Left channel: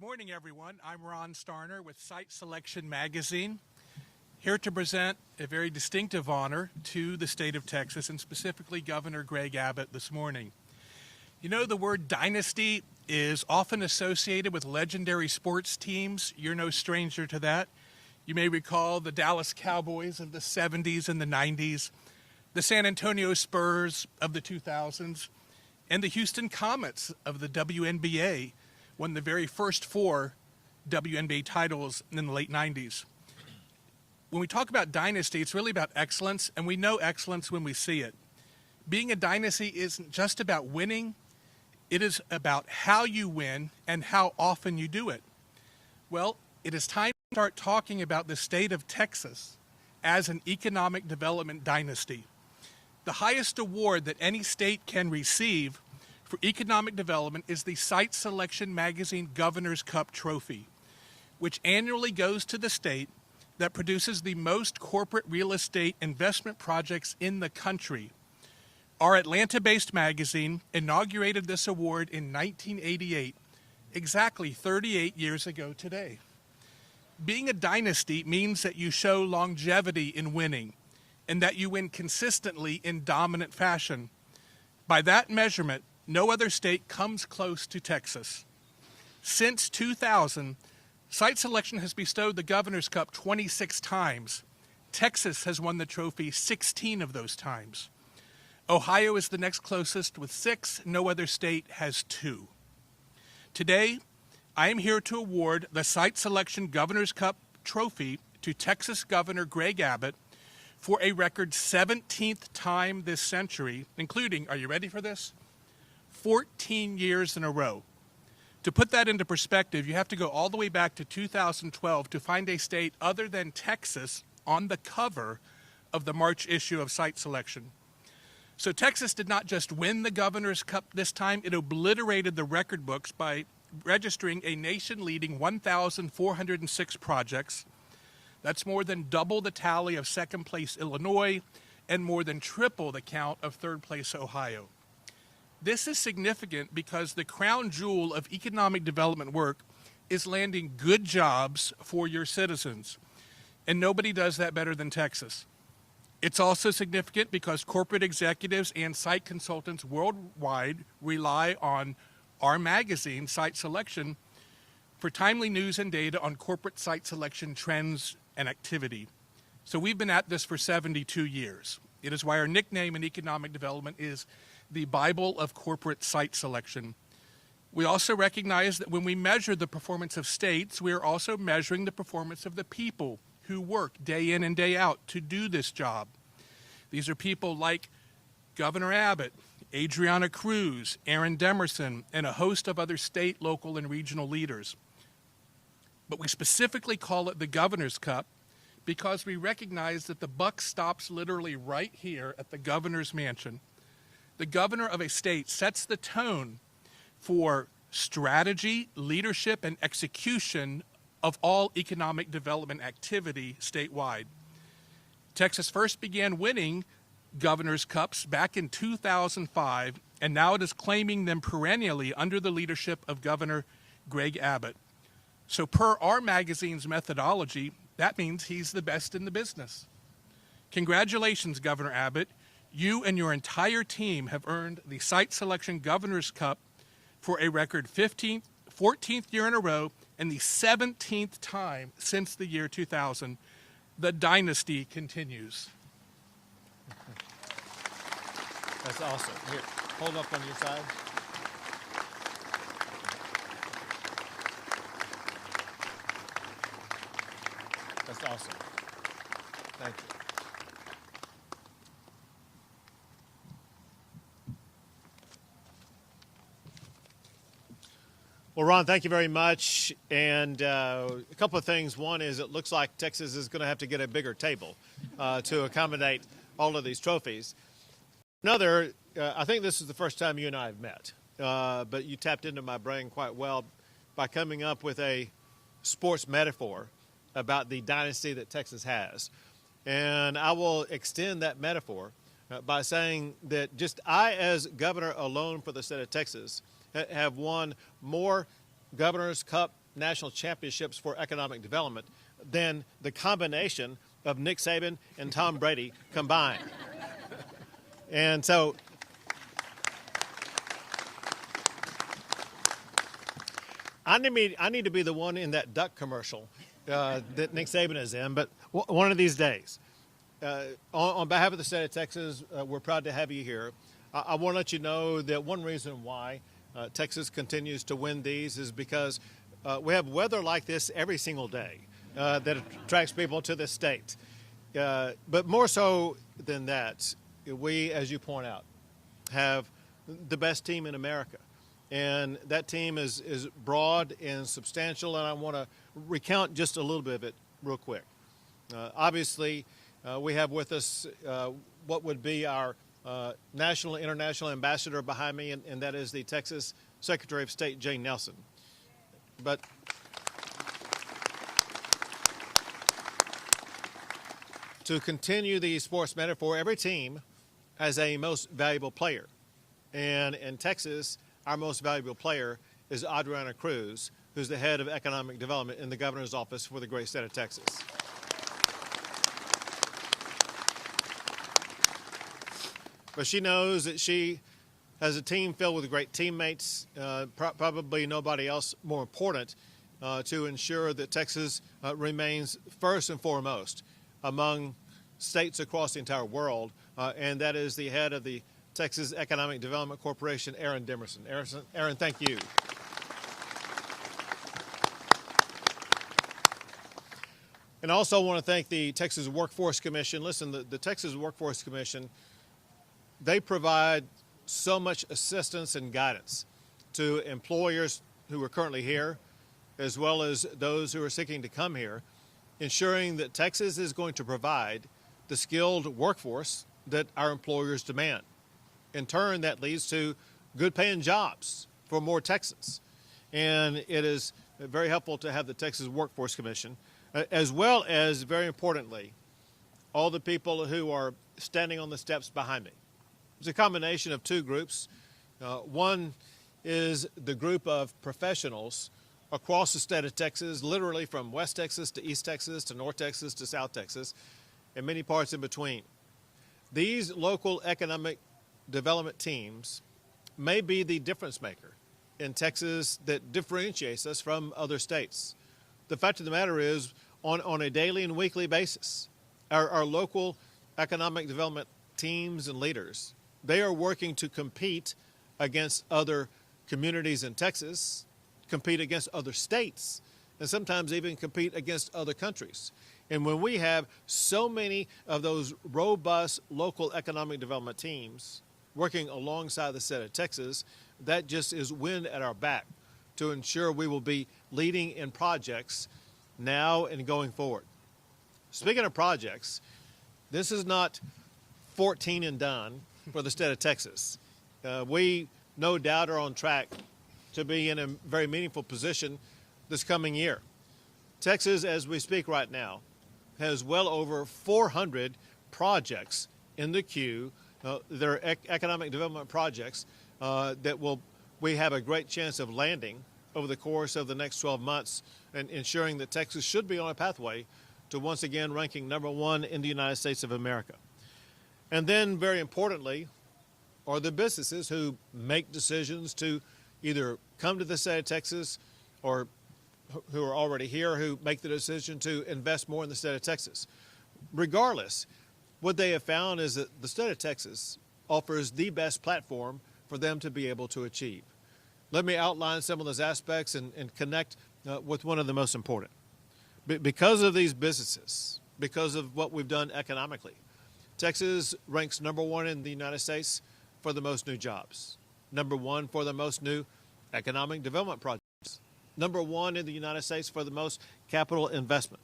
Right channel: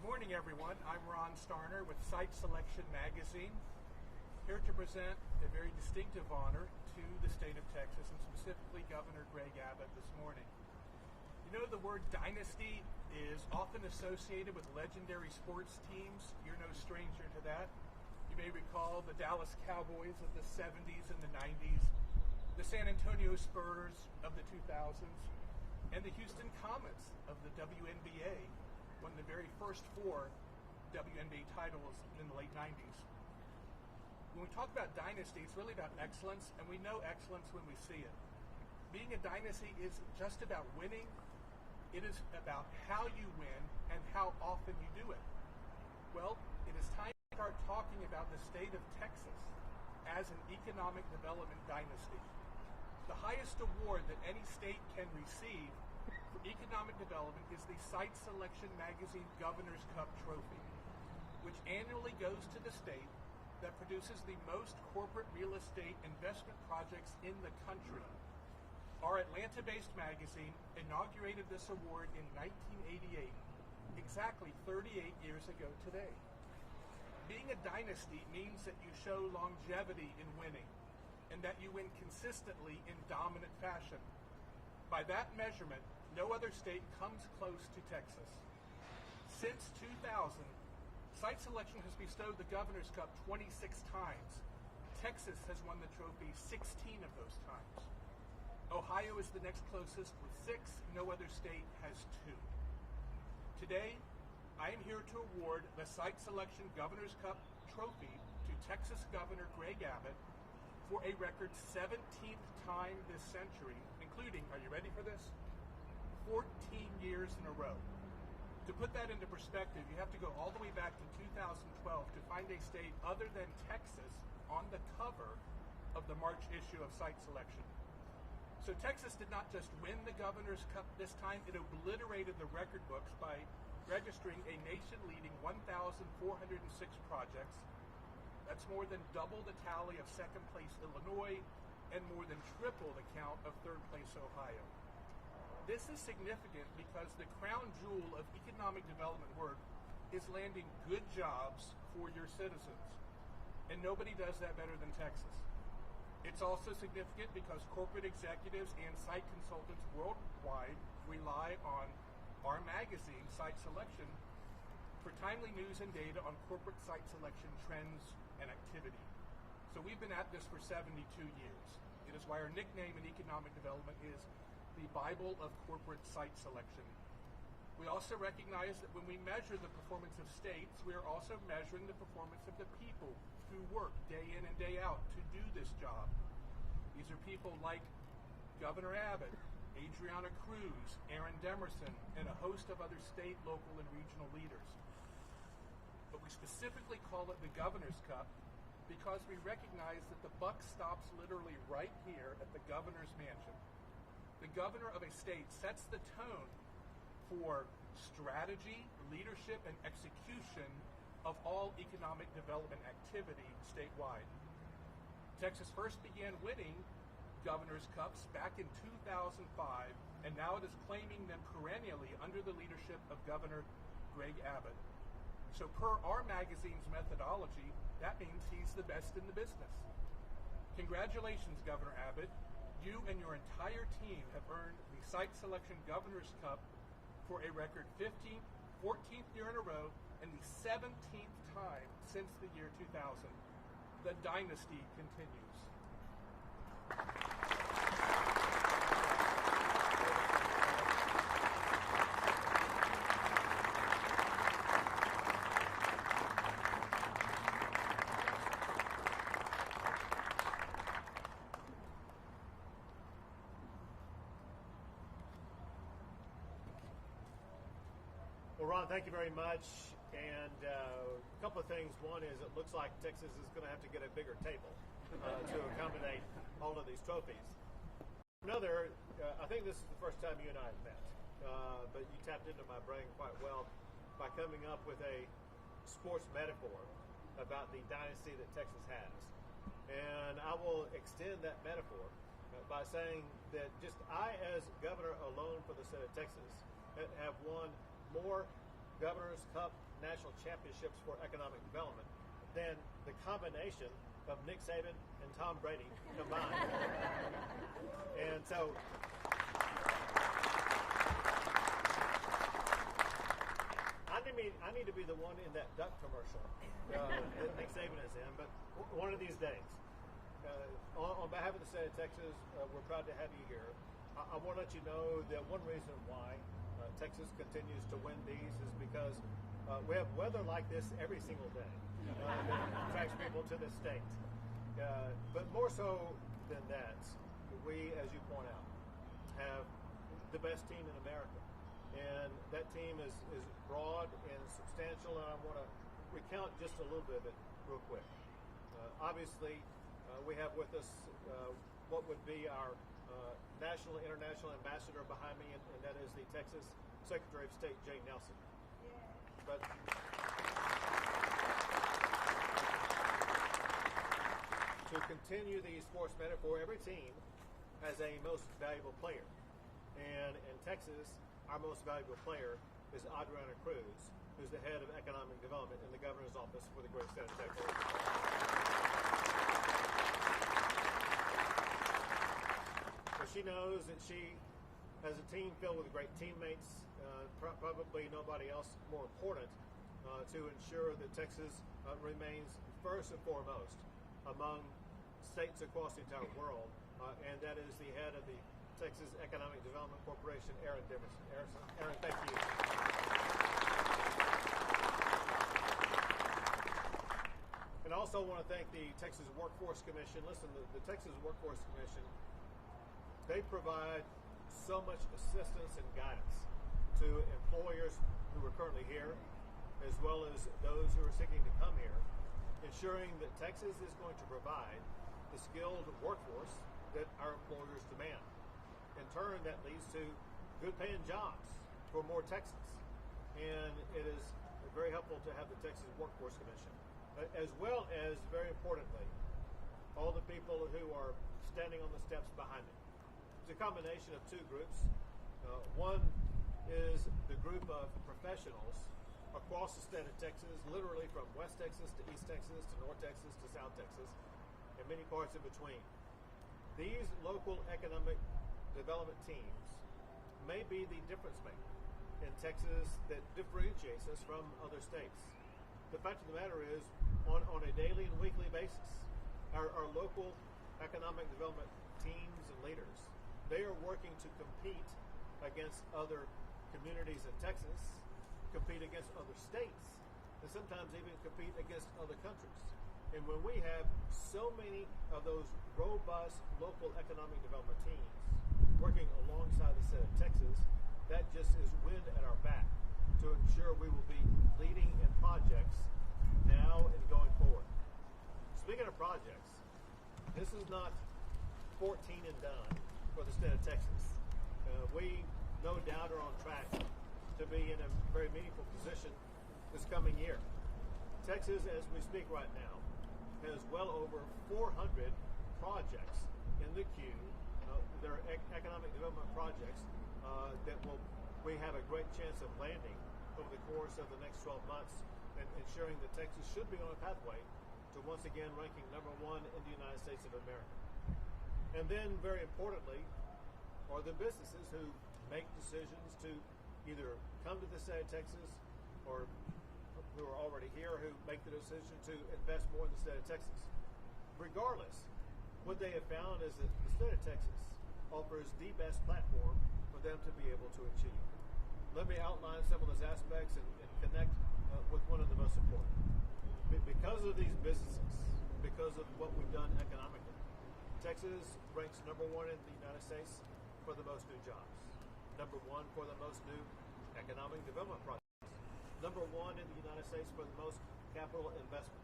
Good morning, everyone. I'm Ron Starner with Site Selection Magazine, here to present a very distinctive honor to the state of Texas and specifically Governor Greg Abbott this morning. You know, the word dynasty is often associated with legendary sports teams. You're no stranger to that. You may recall the Dallas Cowboys of the 70s and the 90s, the San Antonio Spurs of the 2000s, and the Houston Comets of the WNBA won the very first 4 WNBA titles in the late 90s. When we talk about dynasty, it's really about excellence, and we know excellence when we see it. Being a dynasty isn't just about winning, it is about how you win and how often you do it. Well, it is time to start talking about the state of Texas as an economic development dynasty. The highest award that any state can receive for economic development is the Site Selection Magazine Governor's Cup Trophy, which annually goes to the state that produces the most corporate real estate investment projects in the country. Our Atlanta-based magazine inaugurated this award in 1988, exactly 38 years ago today. Being a dynasty means that you show longevity in winning and that you win consistently in dominant fashion. By that measurement, no other state comes close to Texas. Since 2000, Site Selection has bestowed the Governor's Cup 26 times. Texas has won the trophy 16 of those times. Ohio is the next closest with 6. No other state has 2. Today, I am here to award the Site Selection Governor's Cup Trophy to Texas Governor Greg Abbott for a record 17th time this century, including, are you ready for this? 14 years in a row. To put that into perspective, you have to go all the way back to 2012 to find a state other than Texas on the cover of the March issue of Site Selection. So Texas did not just win the Governor's Cup this time, it obliterated the record books by registering a nation-leading 1,406 projects. That's more than double the tally of second place Illinois and more than triple the count of third place Ohio. This is significant because the crown jewel of economic development work is landing good jobs for your citizens, and nobody does that better than Texas. It's also significant because corporate executives and site consultants worldwide rely on our magazine, Site Selection, for timely news and data on corporate site selection trends and activity. So we've been at this for 72 years. It is why our nickname in economic development is the Bible of corporate site selection. We also recognize that when we measure the performance of states, we are also measuring the performance of the people who work day in and day out to do this job. These are people like Governor Abbott, Adriana Cruz, Aaron Demerson, and a host of other state, local, and regional leaders. But we specifically call it the Governor's Cup because we recognize that the buck stops literally right here at the governor's mansion. The governor of a state sets the tone for strategy, leadership, and execution of all economic development activity statewide. Texas first began winning Governor's Cups back in 2005, and now it is claiming them perennially under the leadership of Governor Greg Abbott. So per our magazine's methodology, that means he's the best in the business. Congratulations, Governor Abbott. You and your entire team have earned the Site Selection Governor's Cup for a record 14th year in a row and the 17th time since the year 2000. The dynasty continues. That's awesome. Here, hold up on your side. That's awesome. Thank you. Well, Ron, thank you very much. And a couple of things. One is it looks like Texas is going to have to get a bigger table to accommodate all of these trophies. Another, I think this is the first time you and I have met, but you tapped into my brain quite well by coming up with a sports metaphor about the dynasty that Texas has. And I will extend that metaphor by saying that just I, as governor alone for the state of Texas, have won more Governor's Cup national championships for economic development than the combination of Nick Saban and Tom Brady combined. And so I need to be the one in that duck commercial that Nick Saban is in, but one of these days. On behalf of the state of Texas, we're proud to have you here. I want to let you know that one reason why Texas continues to win these is because we have weather like this every single day that attracts people to this state. But more so than that, we, as you point out, have the best team in America. And that team is broad and substantial, and I want to recount just a little bit of it real quick. Obviously, we have with us what would be our national and international ambassador behind me, and that is the Texas Secretary of State, Jane Nelson. But to continue the sports metaphor, every team has a most valuable player. And in Texas, our most valuable player is Adriana Cruz, who's the head of economic development in the governor's office for the great state of Texas. But she knows that she has a team filled with great teammates, probably nobody else more important to ensure that Texas remains first and foremost among states across the entire world, and that is the head of the Texas Economic Development Corporation, Aaron Demerson. Aaron, thank you. And I also want to thank the Texas Workforce Commission. Listen, the Texas Workforce Commission, they provide so much assistance and guidance to employers who are currently here, as well as those who are seeking to come here, ensuring that Texas is going to provide the skilled workforce that our employers demand. In turn, that leads to good paying jobs for more Texans. And it is very helpful to have the Texas Workforce Commission, as well as, very importantly, all the people who are standing on the steps behind me. It's a combination of two groups. One is the group of professionals across the state of Texas, literally from West Texas to East Texas to North Texas to South Texas, and many parts in between. These local economic development teams may be the difference maker in Texas that differentiates us from other states. The fact of the matter is, on a daily and weekly basis, our local economic development teams and leaders, they are working to compete against other communities in Texas, compete against other states, and sometimes even compete against other countries. And when we have so many of those robust local economic development teams working alongside the state of Texas, that just is wind at our back to ensure we will be leading in projects now and going forward. Speaking of projects, this is not 14 and done for the state of Texas. We no doubt are on track to be in a very meaningful position this coming year. Texas, as we speak right now, has well over 400 projects in the queue. They're economic development projects that we have a great chance of landing over the course of the next 12 months, and ensuring that Texas should be on a pathway to once again ranking #1 in the United States of America. And then, very importantly, are the businesses who make decisions to either come to the state of Texas or who are already here, who make the decision to invest more in the state of Texas. Regardless, what they have found is that the state of Texas offers the best platform for them to be able to achieve. Let me outline some of those aspects and connect with one of the most important. Because of these businesses, because of what we've done economically, Texas ranks #1 in the United States for the most new jobs, #1 for the most new economic development projects, #1 in the United States for the most capital investment.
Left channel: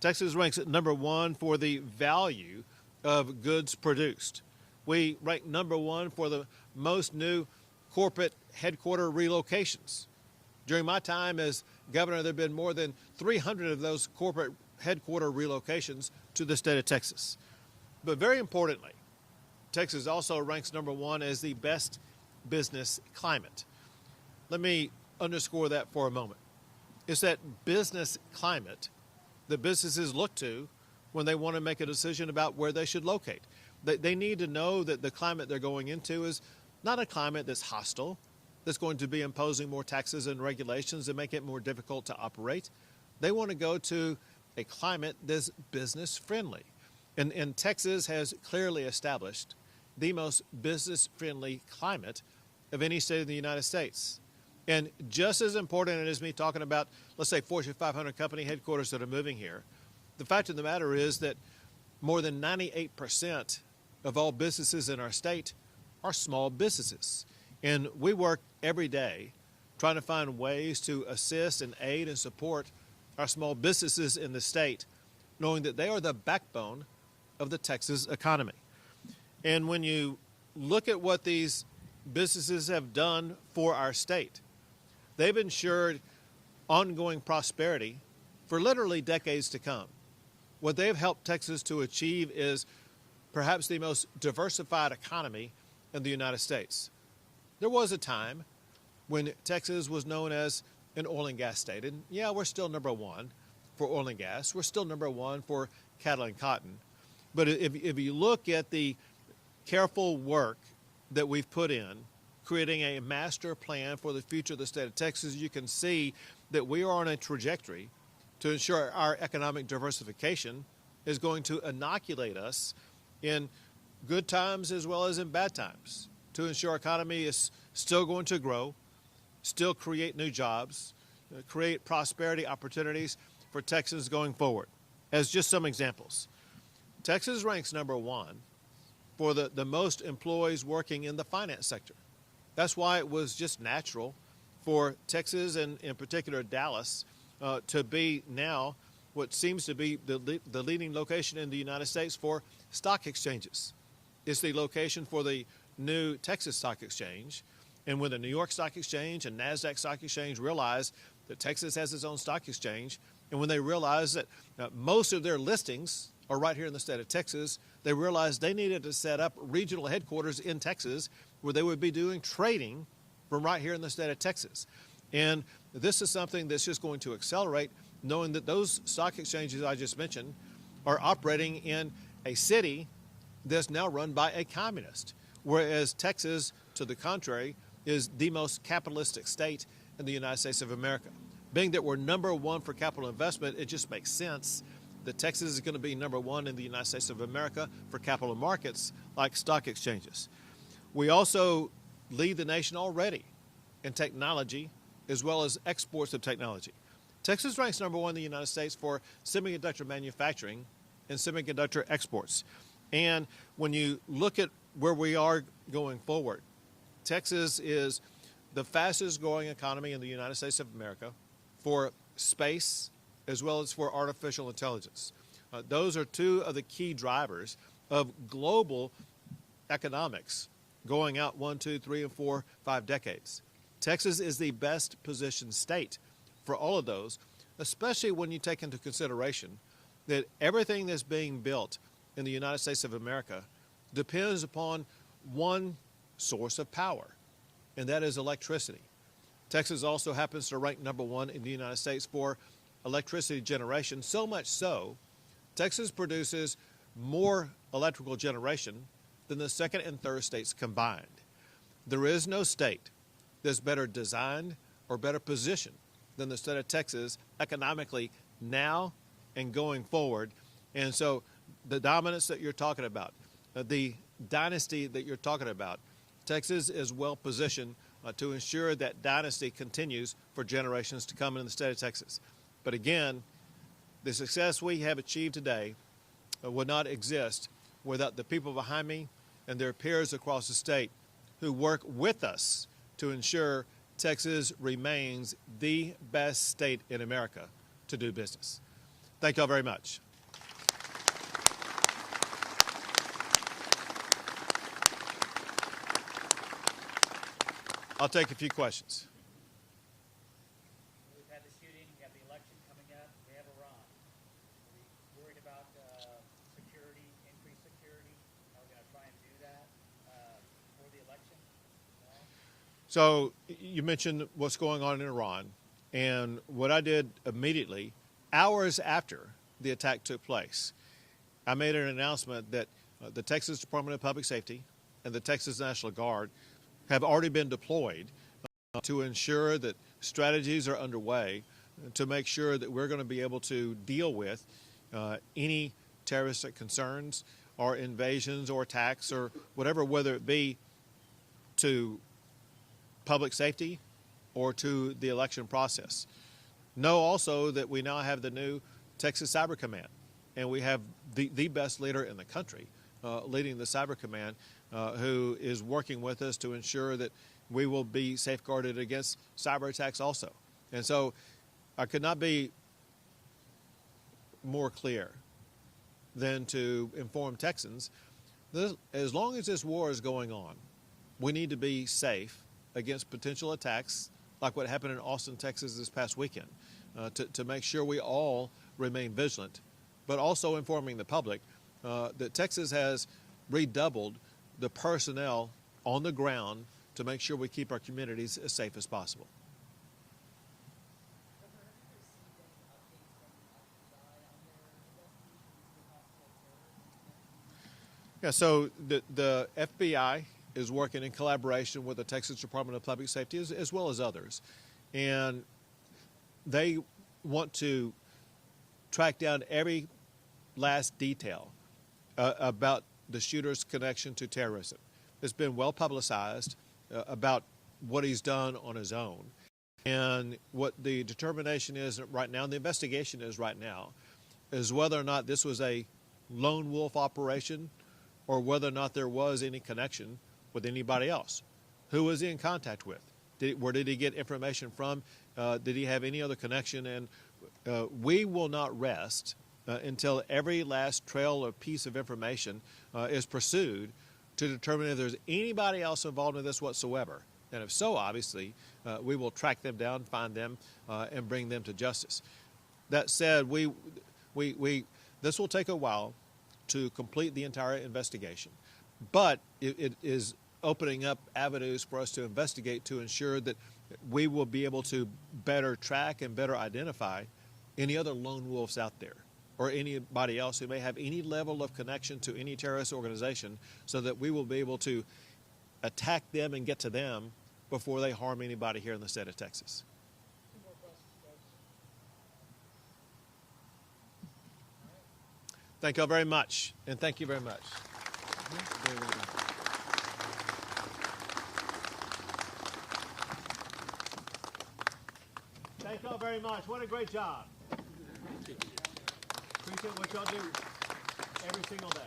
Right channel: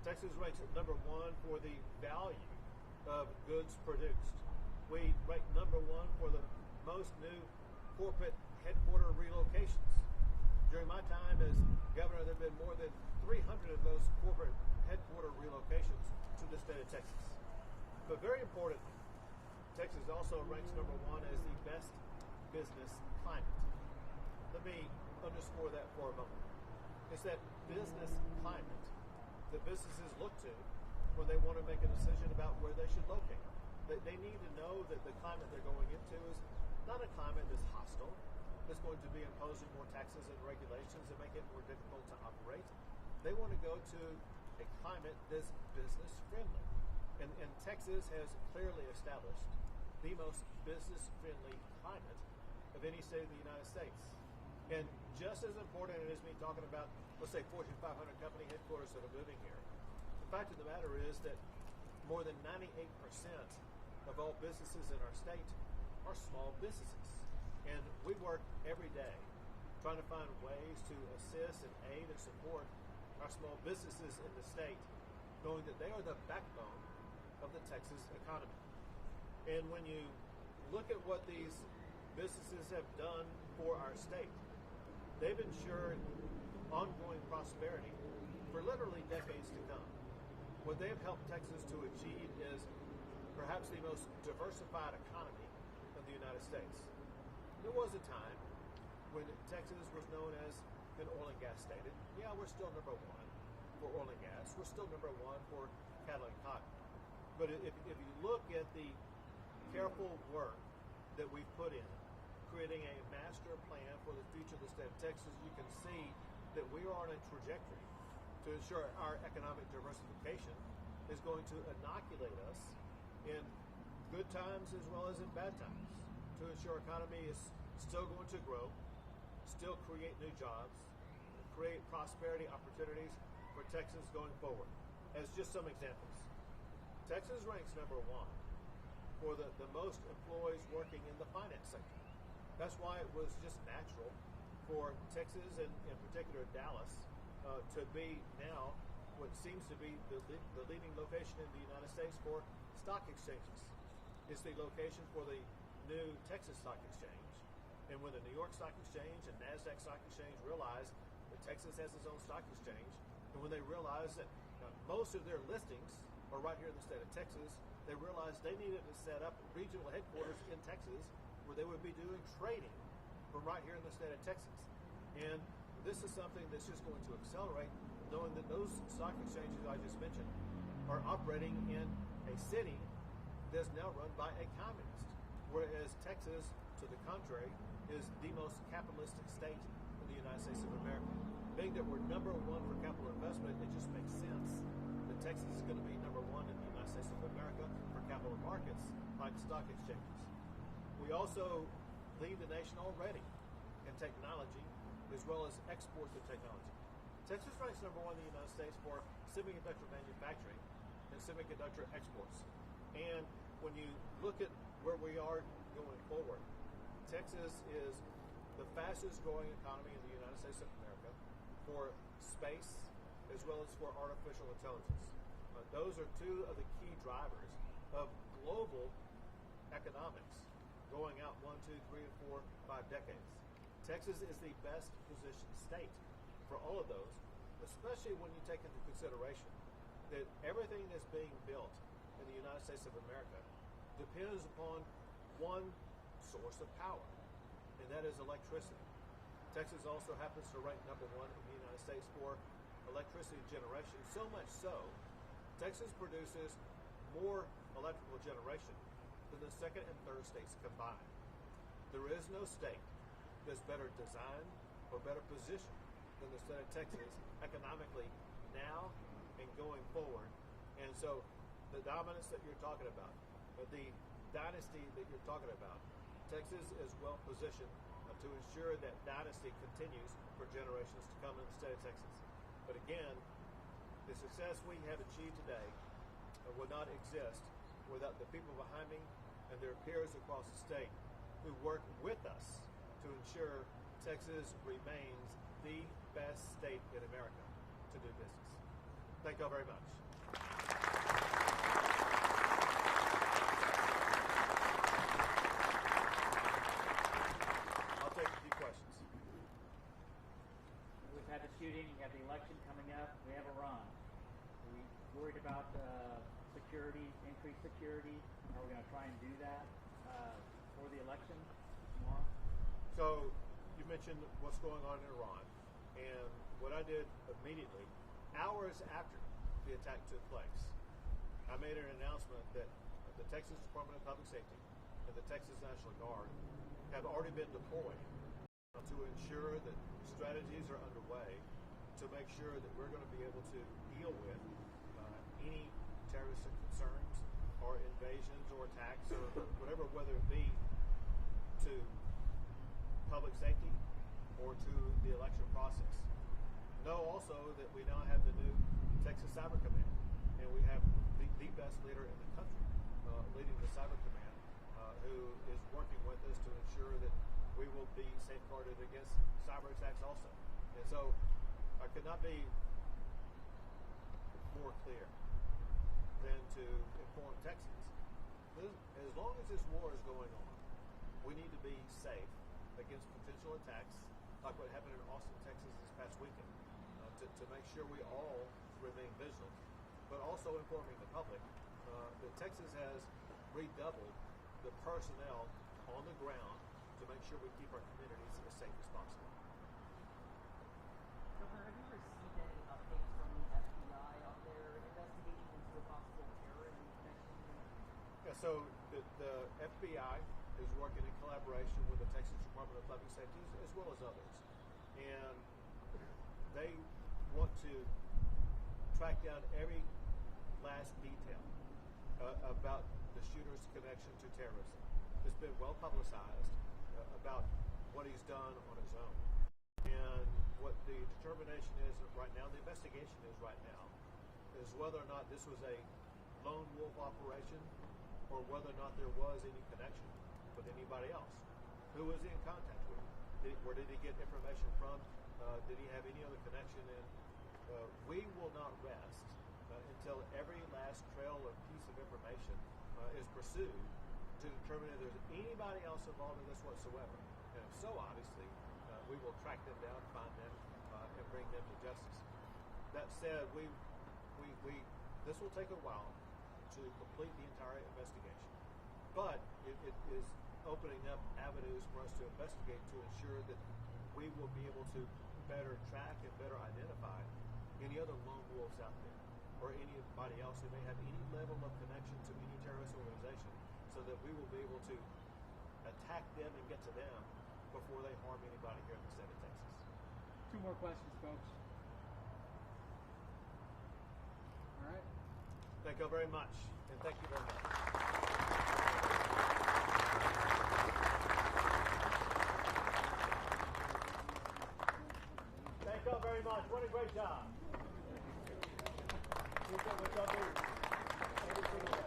Texas ranks at #1 for the value of goods produced. We rank #1 for the most new corporate headquarter relocations. During my time as governor, there have been more than 300 of those corporate headquarter relocations to the state of Texas. But very importantly, Texas also ranks #1 as the best business climate. Let me underscore that for a moment. It's that business climate that businesses look to when they want to make a decision about where they should locate. They need to know that the climate they're going into is not a climate that's hostile, that's going to be imposing more taxes and regulations that make it more difficult to operate. They want to go to a climate that's business friendly. And Texas has clearly established the most business friendly climate of any state in the United States. And just as important as me talking about, let's say, Fortune 500 company headquarters that are moving here, the fact of the matter is that more than 98% of all businesses in our state are small businesses. And we work every day trying to find ways to assist and aid and support our small businesses in the state, knowing that they are the backbone of the Texas economy. And when you look at what these businesses have done for our state, they've ensured ongoing prosperity for literally decades to come. What they've helped Texas to achieve is perhaps the most diversified economy in the United States. There was a time when Texas was known as an oil and gas state. And yeah, we're still number one for oil and gas. We're still number one for cattle and cotton. But if you look at the careful work that we've put in, creating a master plan for the future of the state of Texas, you can see that we are on a trajectory to ensure our economic diversification is going to inoculate us in good times as well as in bad times, to ensure our economy is still going to grow, still create new jobs, create prosperity opportunities for Texans going forward. As just some examples, Texas ranks number one for the most employees working in the finance sector. That's why it was just natural for Texas and in particular Dallas to be now what seems to be the leading location in the United States for stock exchanges. It's the location for the new Texas Stock Exchange. And when the New York Stock Exchange and NASDAQ Stock Exchange realized that Texas has its own stock exchange, and when they realized that most of their listings are right here in the state of Texas, they realized they needed to set up regional headquarters in Texas where they would be doing trading from right here in the state of Texas. And this is something that's just going to accelerate, knowing that those stock exchanges I just mentioned are operating in a city that's now run by a communist, whereas Texas, to the contrary, is the most capitalistic state in the United States of America. Being that we're number one for capital investment, it just makes sense that Texas is going to be number one in the United States of America for capital markets like stock exchanges. We also lead the nation already in technology as well as exports of technology. Texas ranks number one in the United States for semiconductor manufacturing and semiconductor exports. And when you look at where we are going forward, Texas is the fastest growing economy in the United States of America for space as well as for artificial intelligence. Those are two of the key drivers of global economics going out 1, 2, 3, and 4, 5 decades. Texas is the best positioned state for all of those, especially when you take into consideration that everything that's being built in the United States of America depends upon one source of power, and that is electricity. Texas also happens to rank number one in the United States for electricity generation, so much so, Texas produces more electrical generation than the second and third states combined. There is no state that's better designed or better positioned than the state of Texas economically now and going forward. And so the dominance that you're talking about, the dynasty that you're talking about, Texas is well positioned to ensure that dynasty continues for generations to come in the state of Texas. But again, the success we have achieved today would not exist without the people behind me and their peers across the state who work with us to ensure Texas remains the best state in America to do business. Thank you all very much. I'll take a few questions. We've had the shooting, we have the election coming up, we have Iran. Are we worried about security, increased security? Are we going to try and do that for the election tomorrow? So you mentioned what's going on in Iran, And what I did immediately, hours after the attack took place, I made an announcement that the Texas Department of Public Safety and the Texas National Guard have already been deployed to ensure that strategies are underway to make sure that we're going to be able to deal with any terroristic concerns or invasions or attacks or whatever, whether it be to public safety or to the election process. Know also that we now have the new Texas Cyber Command, and we have the best leader in the country leading the Cyber Command, who is working with us to ensure that we will be safeguarded against cyber attacks also. And so I could not be more clear than to inform Texans that as long as this war is going on, we need to be safe against potential attacks like what happened in Austin, Texas this past weekend, to make sure we all remain vigilant, but also informing the public that Texas has redoubled the personnel on the ground to make sure we keep our communities as safe as possible. Governor, have you received any updates from the FBI on their investigation into a possible terrorist connection? Yeah, so the FBI is working in collaboration with the Texas Department of Public Safety as well as others. And they want to track down every last detail about the shooter's connection to terrorism. It's been well publicized about what he's done on his own. And what the determination is right now, the investigation is right now, is whether or not this was a lone wolf operation or whether or not there was any connection with anybody else. Who was he in contact with? Where did he get information from? Did he have any other connection? And we will not rest until every last trail or piece of information is pursued to determine if there's anybody else involved in this whatsoever. And if so, obviously, we will track them down, find them, and bring them to justice. That said, this will take a while to complete the entire investigation, but it is opening up avenues for us to investigate to ensure that we will be able to better track and better identify any other lone wolves out there or anybody else who may have any level of connection to any terrorist organization, so that we will be able to attack them and get to them before they harm anybody here in the state of Texas. 2 more questions, folks. All right. Thank you all very much, and thank you very much. Thank you all very much. What a great job. Appreciate what y'all do every single day.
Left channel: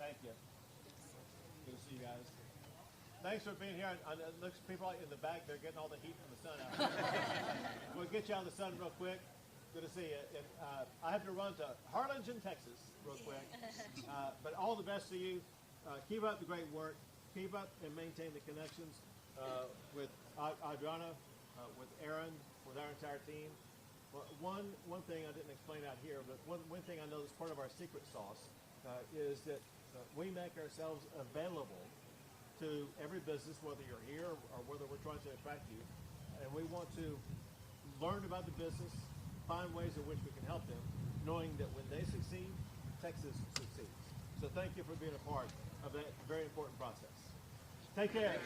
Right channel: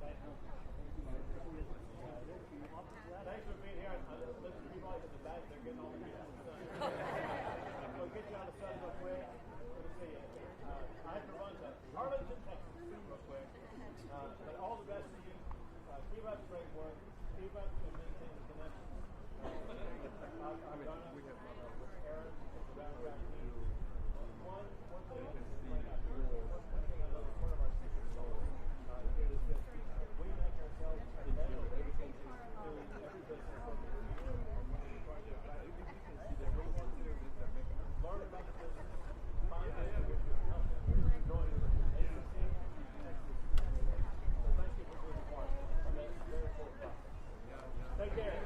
Thank you. Thanks for being here. Look at people in the back. They're getting all the heat from the sun. We'll get you out of the sun real quick. Good to see you. I have to run to Harlingen, Texas real quick. But all the best to you. Keep up the great work. Keep up and maintain the connections with Adriana, with Aaron, with our entire team. One thing I didn't explain out here, but one thing I know that's part of our secret sauce is that we make ourselves available to every business, whether you're here or whether we're trying to attract you. And we want to learn about the business, find ways in which we can help them, knowing that when they succeed, Texas succeeds. So thank you for being a part of that very important process. Take care.